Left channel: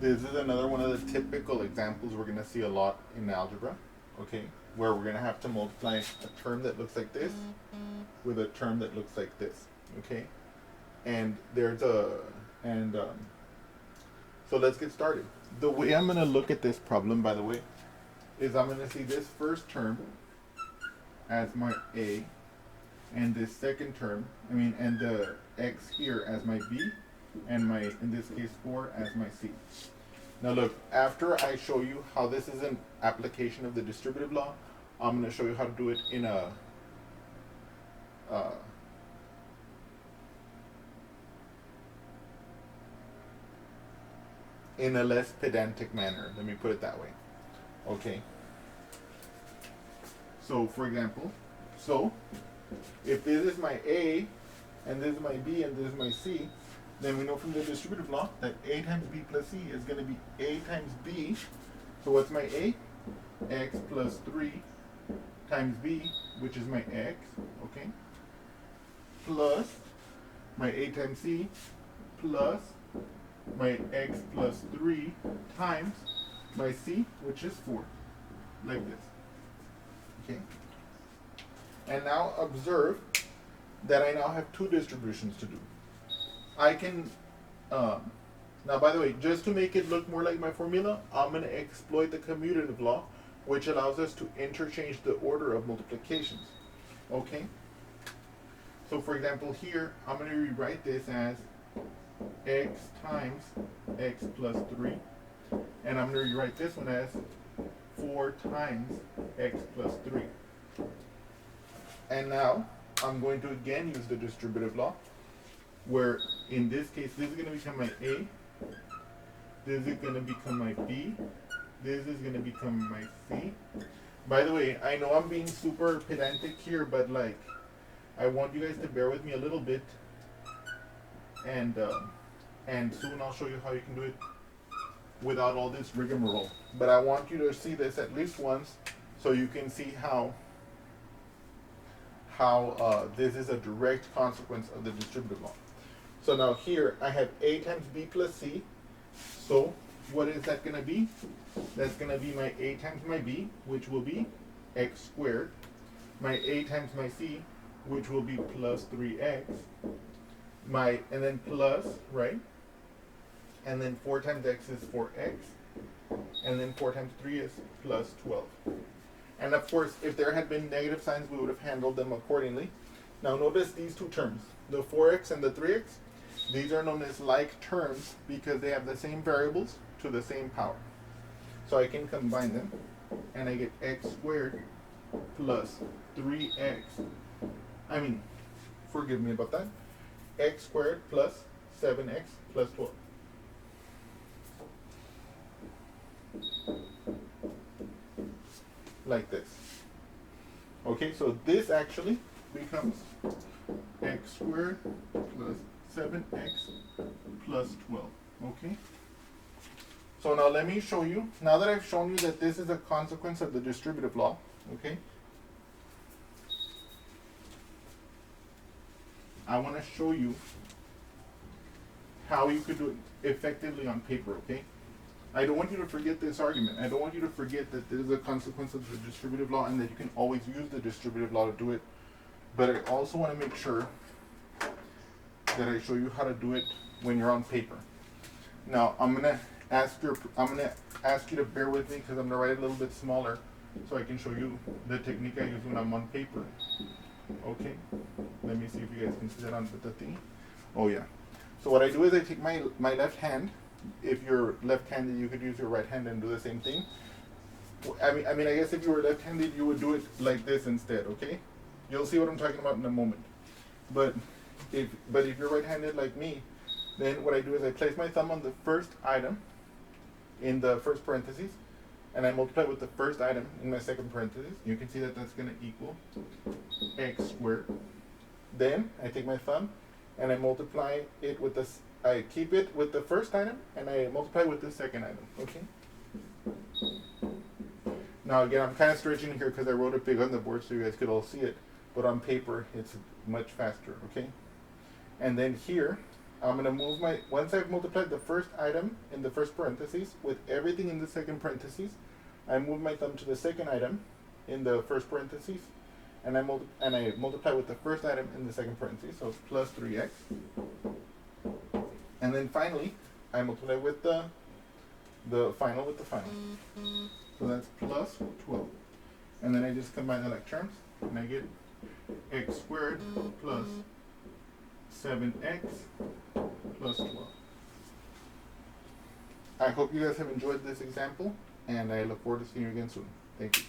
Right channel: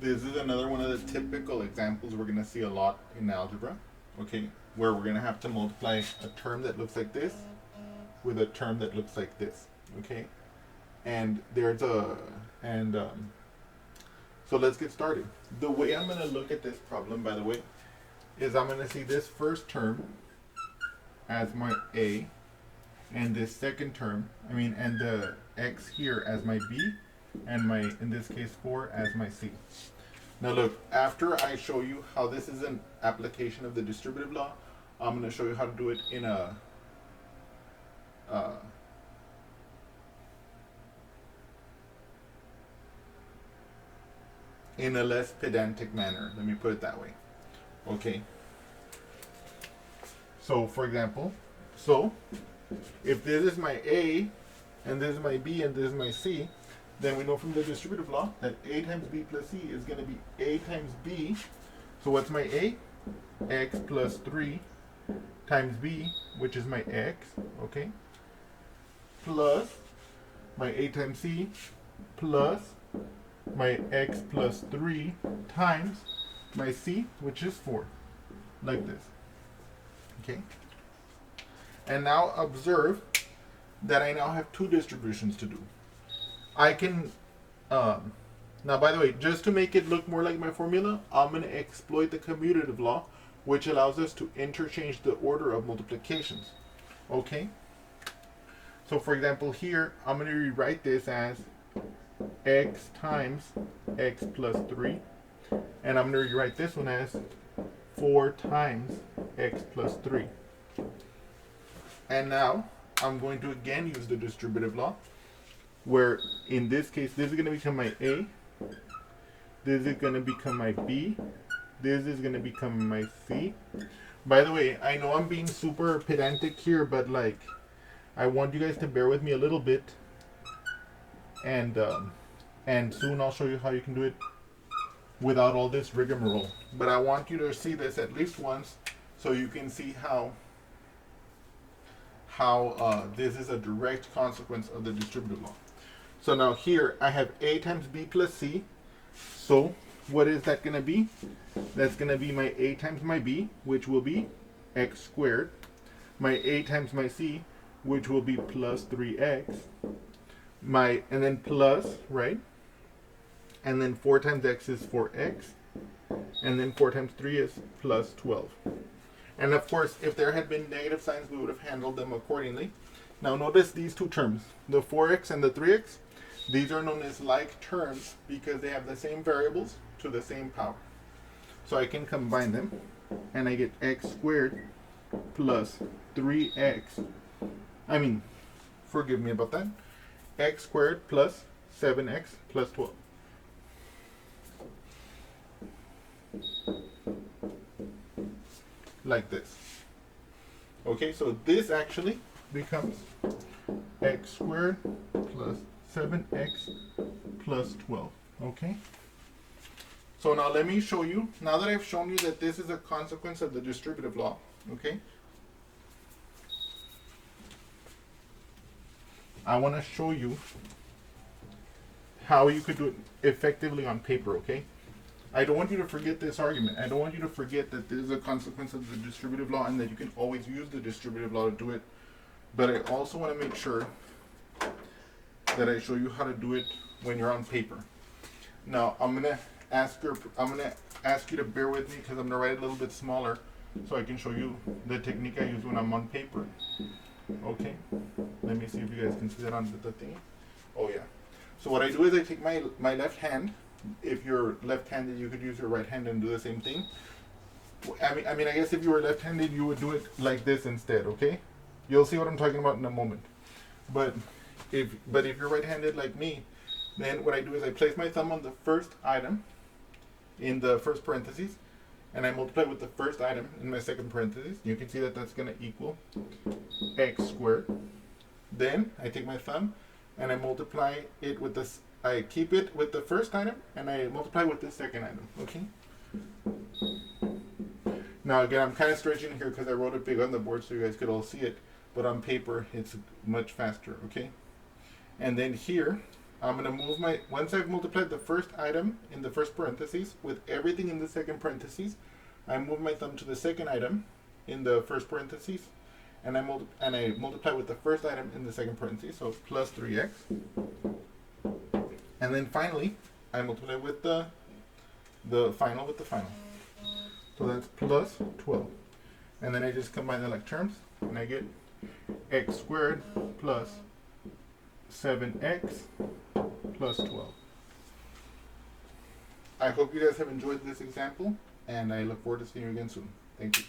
This is another one of the typical examples we're going to see a lot in algebra, okay, where we're going to have to multiply a term that looks like this with a term that looks like this, okay? And there's a, and so let's get started. The way I'm going to look at this problem, by the way, is I'm going to see this first term as my A, and this second term, and the x here as my B, and my, in this case, 4 as my C. Now look, after I show you how this is an application of the distributive law, I'm going to show you how to do it in a less pedantic manner. Let me put it that way. Okay. So for example, if this is my A, and this is my B, and this is my C, then we know from the distributive law that A times B plus C is going to be A times B. So what's my A? X plus 3 times B, which is my X, okay, plus my A times C plus my X plus 3 times my C, which is 4, like this, okay? And now observe that I now have two distributions to do. I can, now by the way, just to make it look more like my formula, I'm going to exploit the commutative law, which allows us to interchange the order of multiplications. Okay? So for example here, I'm going to rewrite this as x times x plus 3. And I'm going to rewrite this one as 4 times x plus 3. And now I'm going to again use the distributive law, where in this case this is going to become my A, this is going to become my B, this is going to become my C. By the way, I know I'm being super pedantic here, but like, I want you guys to bear with me a little bit, and soon I'll show you how you can do it without all this rigmarole. But I want you to see this at least once, so you can see how this is a direct consequence of the distributive law. So now here I have A times B plus C. So what is that going to be? That's going to be my A times my B, which will be x squared. My A times my C, which will be plus 3x. And then plus, right? And then 4 times x is 4x. And then 4 times 3 is plus 12. And of course, if there had been negative signs, we would have handled them accordingly. Now notice these two terms, the 4x and the 3x. These are known as like terms because they have the same variables to the same power. So I can combine them, and I get x squared plus 3x. Forgive me about that. X squared plus 7x plus 12. Like this. Okay, so this actually becomes x squared plus 7x plus 12. Okay? So now let me show you, now that I've shown you that this is a consequence of the distributive law, okay? I want to show you how you could do it effectively on paper, okay? I don't want you to forget this argument. I don't want you to forget that this is a consequence of the distributive law and that you can always use the distributive law to do it. But I also want to make sure that I show you how to do it when you're on paper. Now I'm gonna ask you to bear with me because I'm gonna write it a little bit smaller so I can show you the technique I use when I'm on paper. Okay. Let me see if you guys can see that on the thing. Oh yeah. So what I do is I take my left hand. If you're left-handed, you could use your right hand and do the same thing. I guess if you were left-handed, you would do it like this instead, okay? You'll see what I'm talking about in a moment. But if you're right-handed like me, then what I do is I place my thumb on the first item in the first parentheses, and I multiply with the first item in my second parentheses. You can see that that's going to equal x squared. Then I take my thumb and I multiply it with this. I keep it with the first item and I multiply with the second item, okay? Now again, I'm kind of stretching here because I wrote it big on the board so you guys could all see it, but on paper it's much faster, okay? And then here, I'm going to move once I've multiplied the first item in the first parentheses with everything in the second parentheses, I move my thumb to the second item in the first parentheses, and I multiply with the first item in the second parentheses, so it's plus 3x. And then finally, I multiply with the final with the final. So that's plus 12. And then I just combine the like terms, and I get x squared plus 7x plus 12. I hope you guys have enjoyed this example, and I look forward to seeing you again soon. Thank you.